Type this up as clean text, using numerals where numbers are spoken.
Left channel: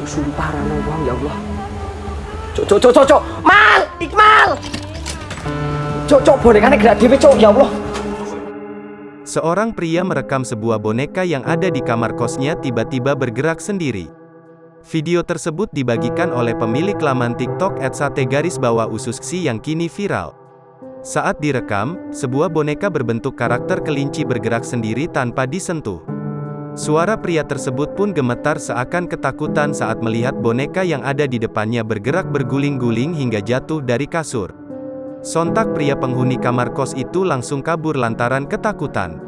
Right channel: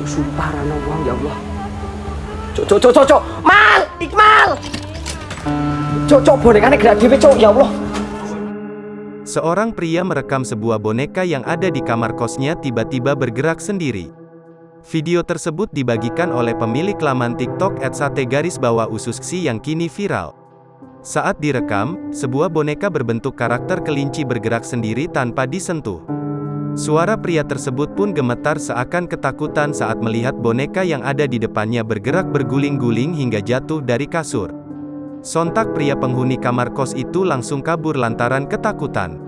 Cuk, sumpah rano uang ya Allah. Cuk. Mal, Iqmal. Cuk, bonekanya gerak dhewe, Cuk, ya Allah. Seorang pria merekam sebuah boneka yang ada di kamar kosnya tiba-tiba bergerak sendiri. Video tersebut dibagikan oleh pemilik laman TikTok @sate_ususksi yang kini viral. Saat direkam, sebuah boneka berbentuk karakter kelinci bergerak sendiri tanpa disentuh. Suara pria tersebut pun gemetar seakan ketakutan saat melihat boneka yang ada di depannya bergerak berguling-guling hingga jatuh dari kasur. Sontak pria penghuni kamar kos itu langsung kabur lantaran ketakutan.